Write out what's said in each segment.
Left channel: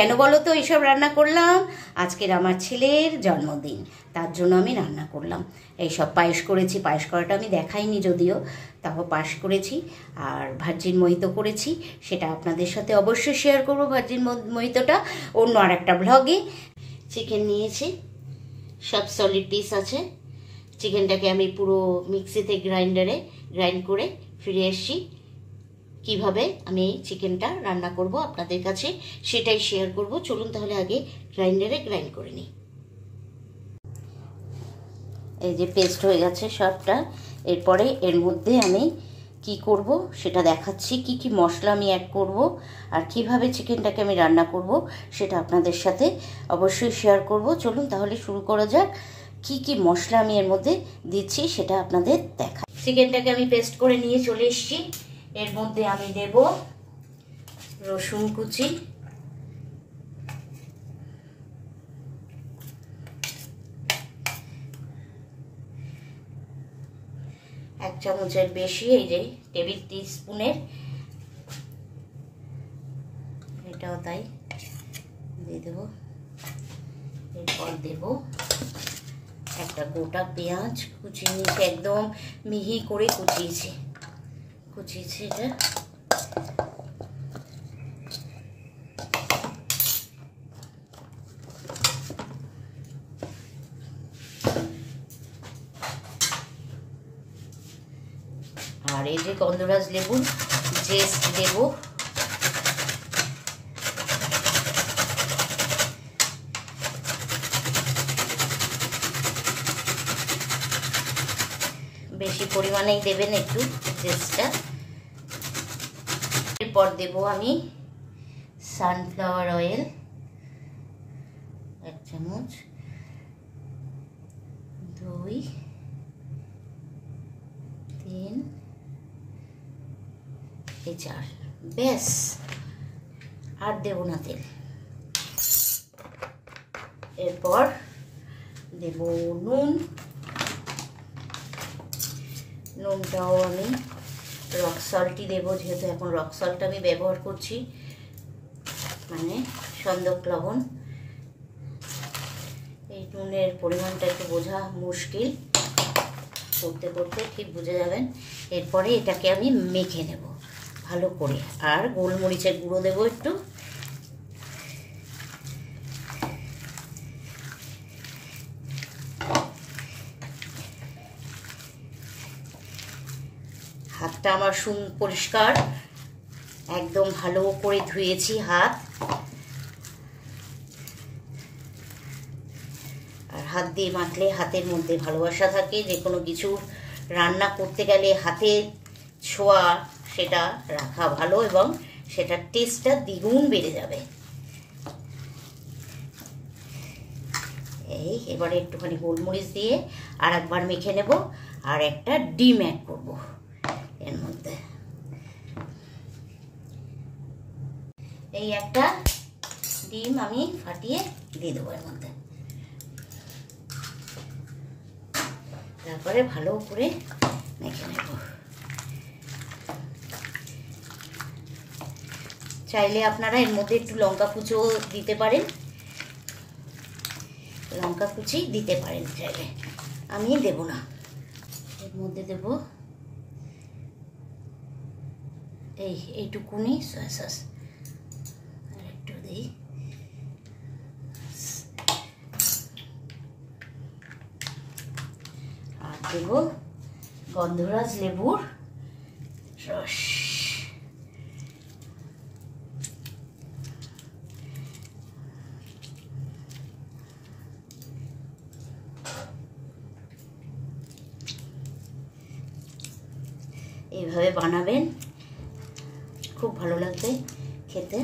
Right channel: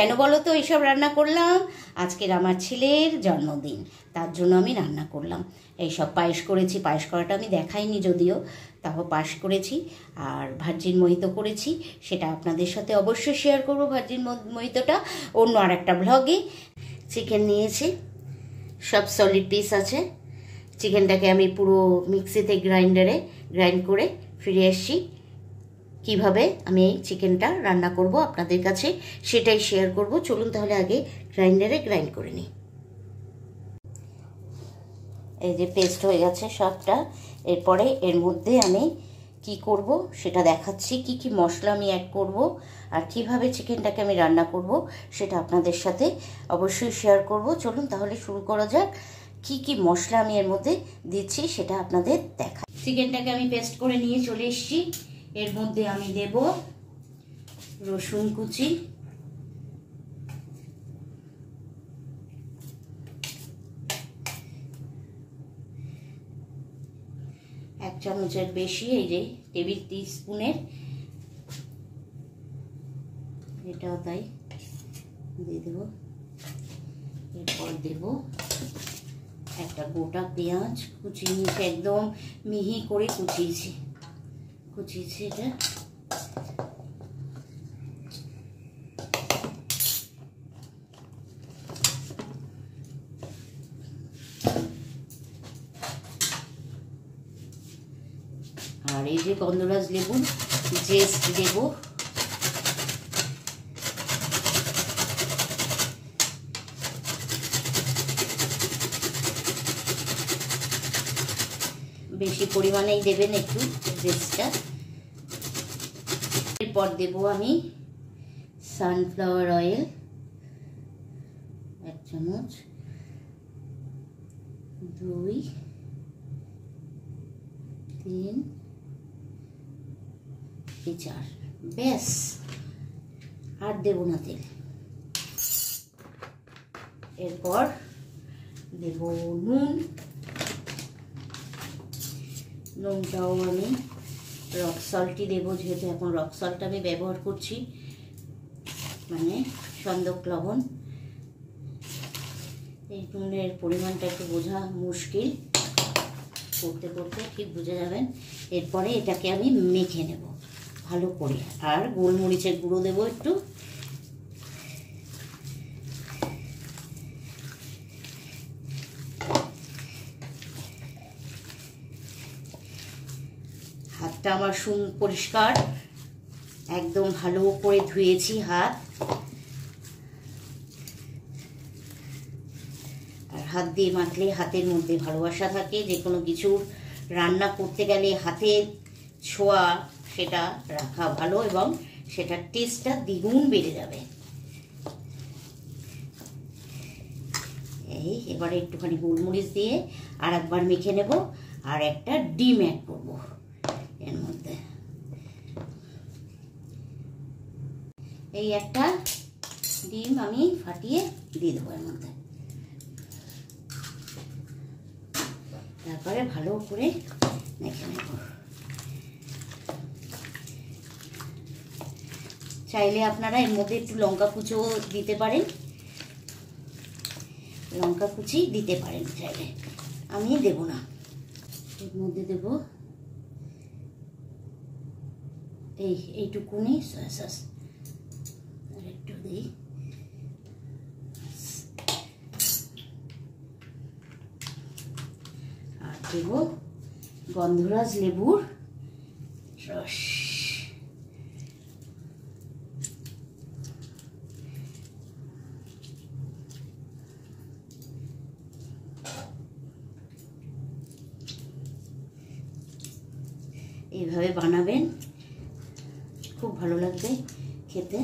কেন বলো তো এইসব রান্না করলাম? আজকের আমার ছেলের জন্মদিন, তার জন্য আমি রান্না করলাম এইসব। পায়েস করেছি, পায়েস করাটা আমি দেখাইনি যদিও, তাও পায়েস করেছি। আর ভার্জিন মোহিতো করেছি, সেটা আপনাদের সাথে অবশ্যই শেয়ার করবো। ভার্জিন মোহিতোটা অন্য আর একটা ব্লগে। চিকেন নিয়েছি, সব সলিড পিস আছে। চিকেনটাকে আমি পুরো মিক্সিতে গ্রাইন্ডারে গ্রাইন্ড করে ফিরে এসেছি। কিভাবে আমি এই চিকেনটা রান্না করব আপনাদের কাছে সেটাই শেয়ার করব। চলুন তাহলে আগে গ্রাইন্ডারে গ্রাইন্ড করে নিই। এই যে পেস্ট হয়ে গেছে সবটা। এরপরে এর মধ্যে আমি কি করব সেটা দেখাচ্ছি, কি কি মশলা আমি অ্যাড করব আর কিভাবে চিকেনটাকে আমি রান্না করব সেটা আপনাদের সাথে অবশ্যই শেয়ার করব। চলুন তাহলে শুরু করা যাক। কি কি মশলা আমি এর মধ্যে দিচ্ছি সেটা আপনাদের দেখাই। চিকেনটাকে আমি পেস্ট করে নিয়ে চলে এসেছি। এর মধ্যে আমি দেব রসুন কুচি, এক চামচের বেশি, এই যে টেবিল টিস্পুনের, এটাও তাই দিয়ে দেব। এরপর দেব একটা গোটা পেঁয়াজ কুচিয়ে নিয়েছি, একদম মিহি করে কুচিয়েছি এটা। আর এই যে গন্ধরাজ লেবু জেস্ট দেব, বেশি পরিমাণেই দেবেন একটু জেস্টটা। এরপর দেব আমি সানফ্লাওয়ার অয়েল এক চামচ, 2 3 4, ব্যাস আর দেব না তেল। এরপর দেব নুনটাও আমি রক সল্টই দেবো, যেহেতু এখন রক সল্ট আমি ব্যবহার করছি, মানে সন্দক লবণ। এই নুনের পরিমাণটা একটু বোঝা মুশকিল, করতে করতে ঠিক বুঝে যাবেন। এরপরে এটাকে আমি মেখে নেব ভালো করে। আর গোলমরিচের গুঁড়ো দেবো একটু, হাতটা আমার পরিষ্কার, একদম ভালো করে ধুয়েছি হাত। আর হাত দিয়ে মাখলে হাতের মধ্যে ভালোবাসা থাকে, যে কোনো কিছু রান্না করতে গেলে হাতে ছোঁয়া সেটা রাখা ভালো এবং সেটার টেস্টটা দ্বিগুণ বেড়ে যাবে। এই এবারে একটুখানি গোলমরিচ দিয়ে আর একবার মেখে নেব। আর একটা ডিম অ্যাড করব এর মধ্যে। এই একটা ডিম আমি ফাটিয়ে দিয়ে দেবো এর মধ্যে। তারপরে ভালো করে মেখে নেব। চাইলে আপনারা এর মধ্যে একটু লঙ্কা কুচিও দিতে পারেন, লঙ্কা কুচি দিতে পারেন চাইলে, আমি দেব না। এর মধ্যে দেব এইটুকুনি সয়া সস, আর একটু দিই। আর দেব গন্ধরাজ লেবুর রস। এইভাবে বানাবেন, খুব ভালো লাগবে খেতে।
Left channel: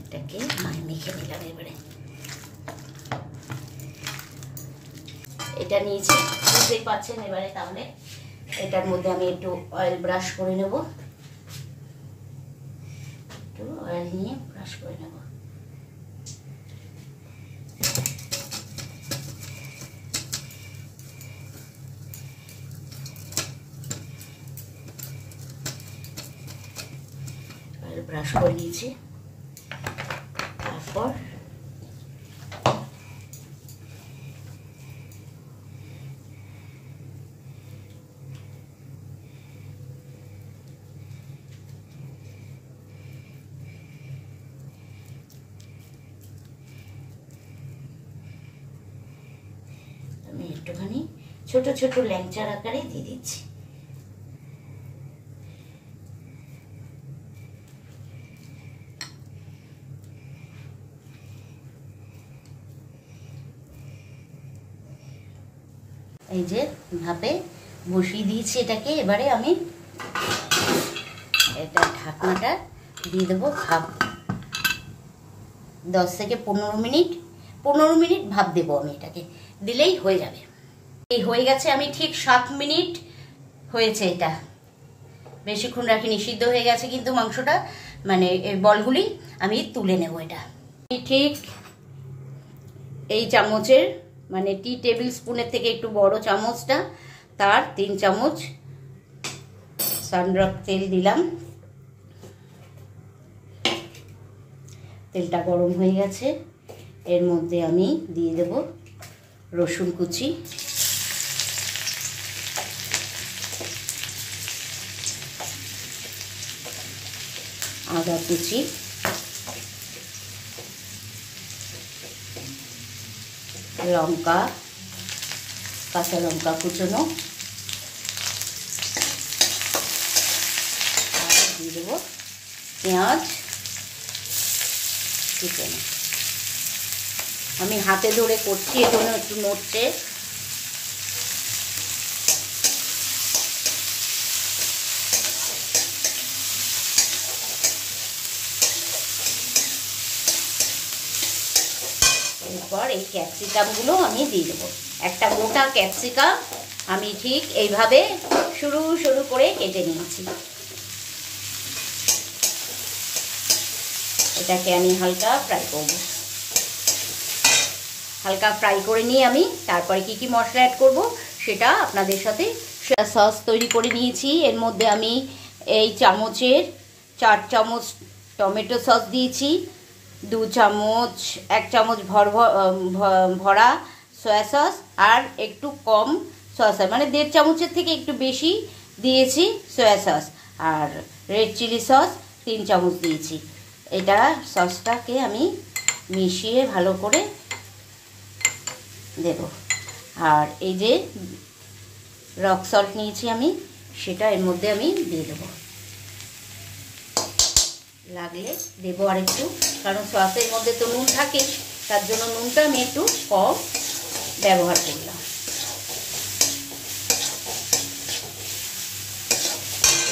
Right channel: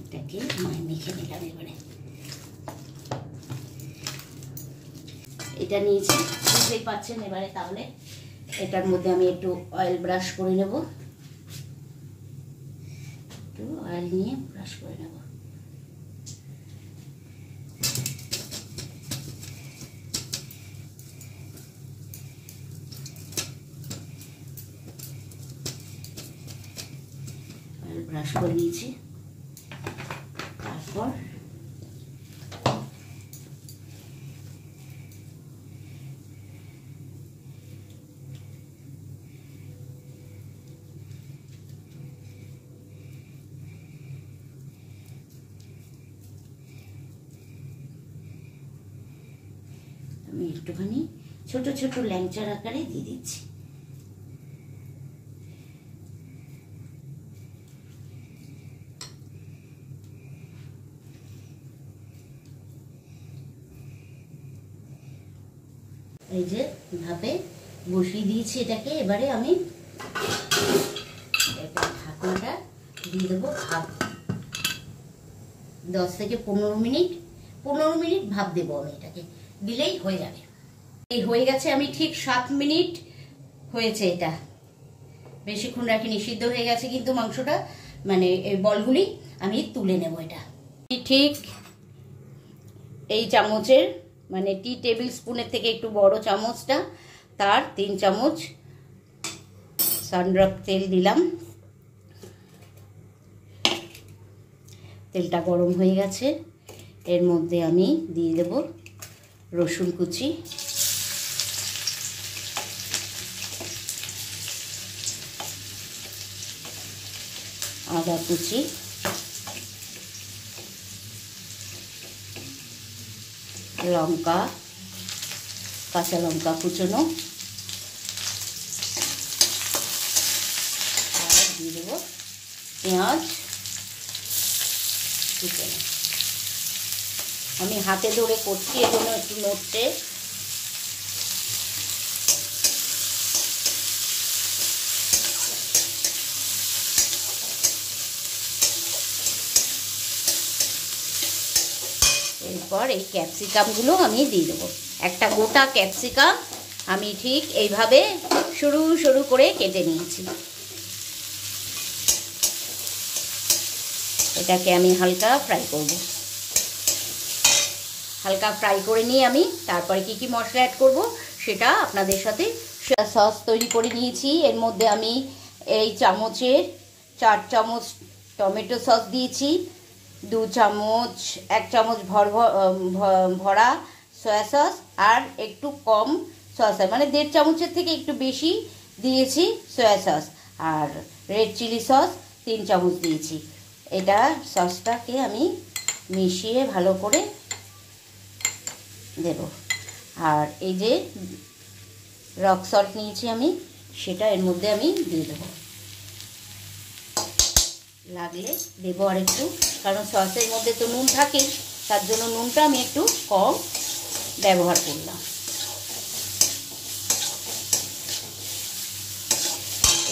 এটাকে মেখে নিলাম। এবারে এটা নিয়েছি, বুঝতেই পারছেন। এবারে তাহলে এটার মধ্যে আমি একটু অয়েল ব্রাশ করে নেব, একটু অয়েল নিয়ে ব্রাশ করে নেব। ব্রাশ ব্রাশ করে নিয়েছি। তারপর আমি একটুখানি ছোট ছোট ল্যাংচার আকারে দিয়ে দিচ্ছি। এই যে ভাপে বসিয়ে দিয়েছি এটাকে। এবারে আমি এটা ঢাকনাটা দিয়ে দেবো ভাপ 10 থেকে 15 মিনিট। 15 মিনিট ভাপ দেবো আমি, এটাকে দিলেই হয়ে যাবে। এই হয়ে গেছে, আমি ঠিক 7 মিনিট হয়েছে, এটা বেশিক্ষণ রাখিনি, সিদ্ধ হয়ে গেছে কিন্তু মাংসটা, মানে এই বলগুলি আমি তুলে নেব। এটা ঠিক এই চামচের, মানে টি টেবিল স্পুনের থেকে একটু বড় চামচটা, তার 3 চামচ সানড্রপ তেল দিলাম। তেলটা গরম হয়ে গেছে, এর মধ্যে আমি দিয়ে দেব রসুন কুচি, আদা কুচি, লঙ্কা, কাঁচা লঙ্কা কুচনো, আর দিয়ে দেবো পেঁয়াজ কুচনো। আমি হাতে ধরে করছি, এজন্য একটু নড়ছে। এরপর এই ক্যাপসিকামগুলো আমি দিয়ে দেবো। একটা গোটা ক্যাপসিকাম আমি ঠিক এইভাবে সরু সরু করে কেটে নিয়েছি। এটাকে আমি হালকা ফ্রাই করব। হালকা ফ্রাই করে নিয়ে আমি তারপরে কি কি মশলা অ্যাড করব সেটা আপনাদের সাথে। সস তৈরি করে নিয়েছি, এর মধ্যে আমি এই চামচের 4 চামচ টমেটো সস দিয়েছি, 2 চামচ 1 চামচ ভরা সয়া সস, আর একটু কম সয়া সস, মানে 1.5 চামচের থেকে একটু বেশি দিয়েছি সয়া সস, আর রেড চিলি সস 3 চামচ দিয়েছি। এটা সসটাকে আমি মিশিয়ে ভালো করে দেব। আর এই যে রক সল্ট নিয়েছি আমি, সেটা এর মধ্যে আমি দিয়ে দেবো। লাগলে দেবো আর একটু, কারণ সসের মধ্যে তো নুন থাকে, তার জন্য নুনটা আমি একটু কম ব্যবহার করলাম।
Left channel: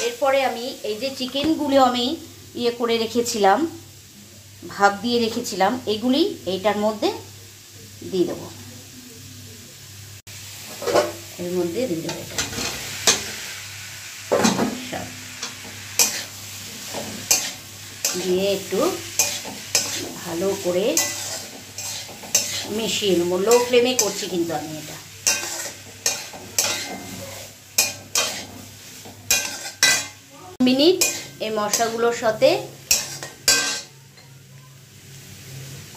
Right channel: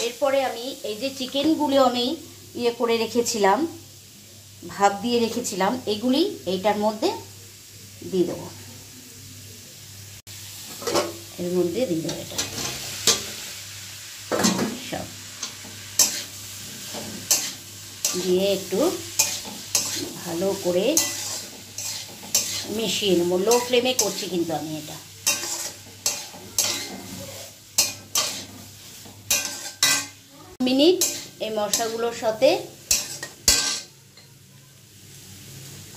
এরপরে আমি এই যে চিকেনগুলো আমি করে রেখেছিলাম, ভাপ দিয়ে রেখেছিলাম, এগুলি এইটার মধ্যে দিয়ে দেবো। এর মধ্যে দিয়ে দেবো এটা সব দিয়ে একটু ভালো করে মিশিয়ে নেব। লো ফ্লেমে করছি কিন্তু আমি এটা। মিনিট এই মশলাগুলোর সাথে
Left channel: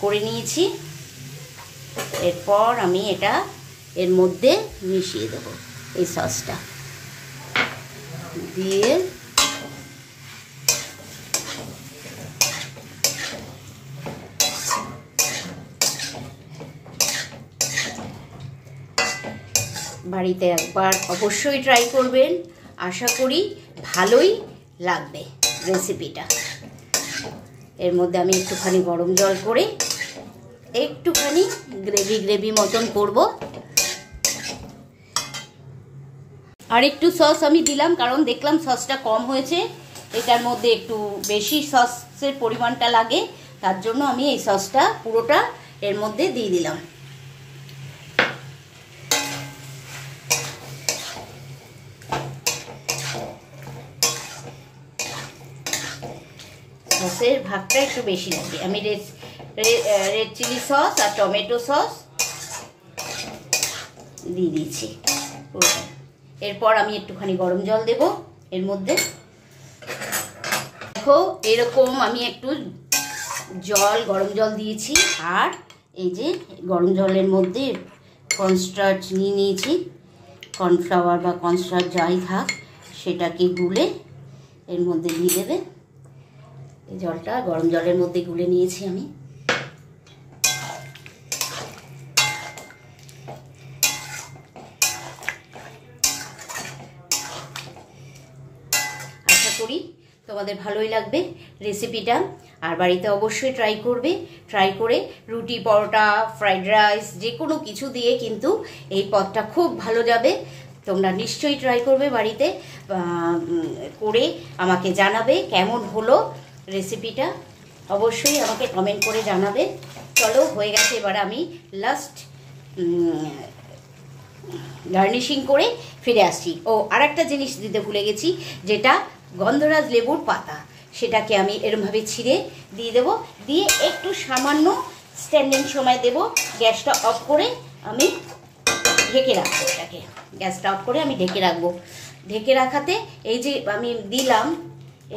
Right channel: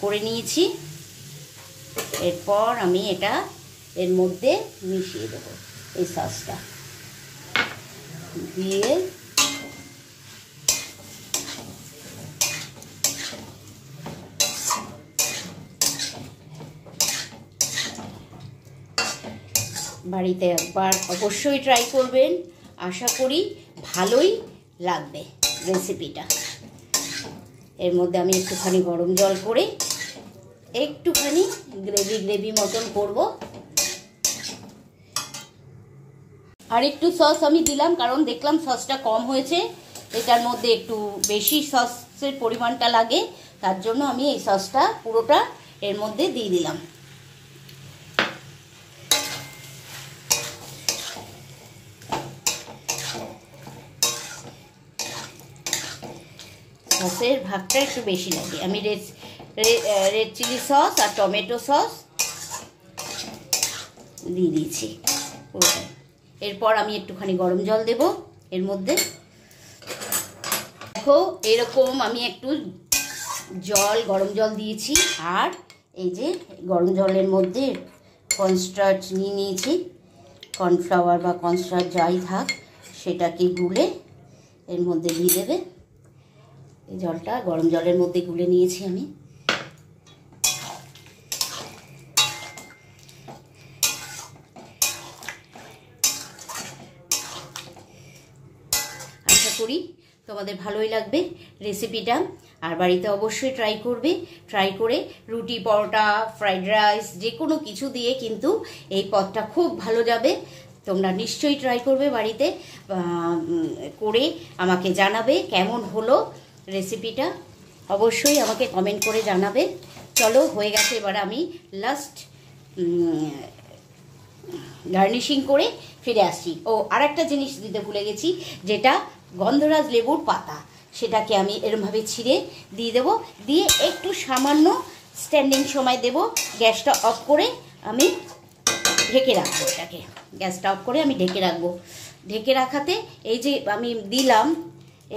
করে নিয়েছি। এরপর আমি এটা এর মধ্যে মিশিয়ে দেব, এই সসটা দিয়ে বাড়িতে একবার অবশ্যই ট্রাই করবেন, আশা করি ভালোই লাগবে রেসিপিটা। এর মধ্যে আমি একটুখানি গরম জল করে একটুখানি গ্রেভি মতন করব। আর একটু সস আমি দিলাম, কারণ দেখলাম সসটা কম হয়েছে, এটার মধ্যে একটু বেশি সসের পরিমাণটা লাগে, তার জন্য আমি এই সসটা পুরোটা এর মধ্যে দিয়ে দিলাম। সসের ভাগটা একটু বেশি লাগে। আমি রেড চিলি সস আর টমেটো সস দিয়ে দিয়েছি পুরোটা। এরপর আমি একটুখানি গরম জল দেব এর মধ্যে। দেখো এরকম আমি একটু জল, গরম জল দিয়েছি, আর এই যে গরম জলের মধ্যে কর্নস্টার্চ নিয়ে নিয়েছি, কর্নফ্লাওয়ার বা কর্নস্টার্চ যাই থাক সেটাকে গুলে এর মধ্যে দিয়ে দেবে। এই জলটা গরম জলের মধ্যে গুলে নিয়েছি আমি। আশা করি তোমাদের ভালোই লাগবে রেসিপিটা, আর বাড়িতে অবশ্যই ট্রাই করবে। ট্রাই করে রুটি, পরোটা, ফ্রাইড রাইস যে কোনো কিছু দিয়ে কিন্তু এই পদটা খুব ভালো যাবে। তোমরা নিশ্চয়ই ট্রাই করবে বাড়িতে করে আমাকে জানাবে কেমন হলো রেসিপিটা। অবশ্যই আমাকে কমেন্ট করে জানাবে। চলো হয়ে গেছে, এবার আমি লাস্ট গার্নিশিং করে ফিরে আসছি। ও আর একটা জিনিস দিতে ভুলে গেছি, যেটা গন্ধরাজ লেবুর পাতা, সেটাকে আমি এরমভাবে ছিঁড়ে দিয়ে দেবো, দিয়ে একটু সামান্য স্ট্যান্ডিং সময় দেব। গ্যাসটা অফ করে আমি ঢেকে রাখবো, এটাকে গ্যাসটা অফ করে আমি ঢেকে রাখবো। ঢেকে রাখাতে এই যে আমি দিলাম,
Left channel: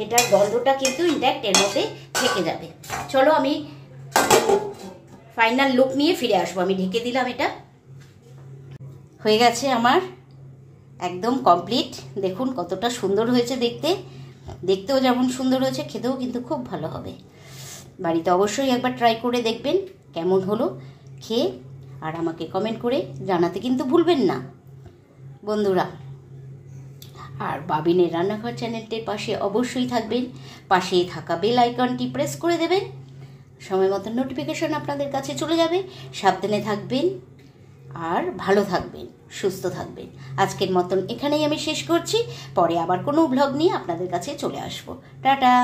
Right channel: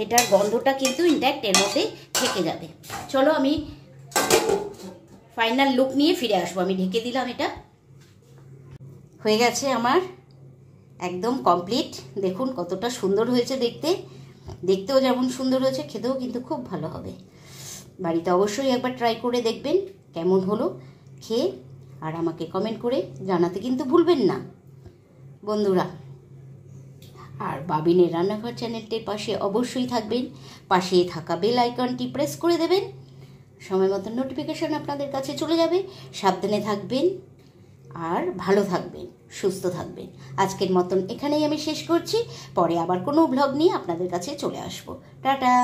এটার গন্ধটা কিন্তু ইনট্যাক্ট এর মধ্যে থেকে যাবে। চলো আমি ফাইনাল লুক নিয়ে ফিরে আসবো। আমি ঢেকে দিলাম, এটা হয়ে গেছে আমার একদম কমপ্লিট। দেখুন কতটা সুন্দর হয়েছে দেখতে, দেখতেও যেমন সুন্দর হয়েছে, খেতেও কিন্তু খুব ভালো হবে। বাড়িতে অবশ্যই একবার ট্রাই করে দেখবেন কেমন হলো খেয়ে, আর আমাকে কমেন্ট করে জানাতে কিন্তু ভুলবেন না বন্ধুরা। আর বাবিনের রান্নাঘর চ্যানেলটির পাশে অবশ্যই থাকবেন, পাশে থাকা বেল আইকনটি প্রেস করে দেবেন, সময় মতো নোটিফিকেশন আপনাদের কাছে চলে যাবে। সাবধানে থাকবেন আর ভালো থাকবেন, সুস্থ থাকবেন। আজকের মতন এখানেই আমি শেষ করছি, পরে আবার কোনো ব্লগ নিয়ে আপনাদের কাছে চলে আসবো। টাটা।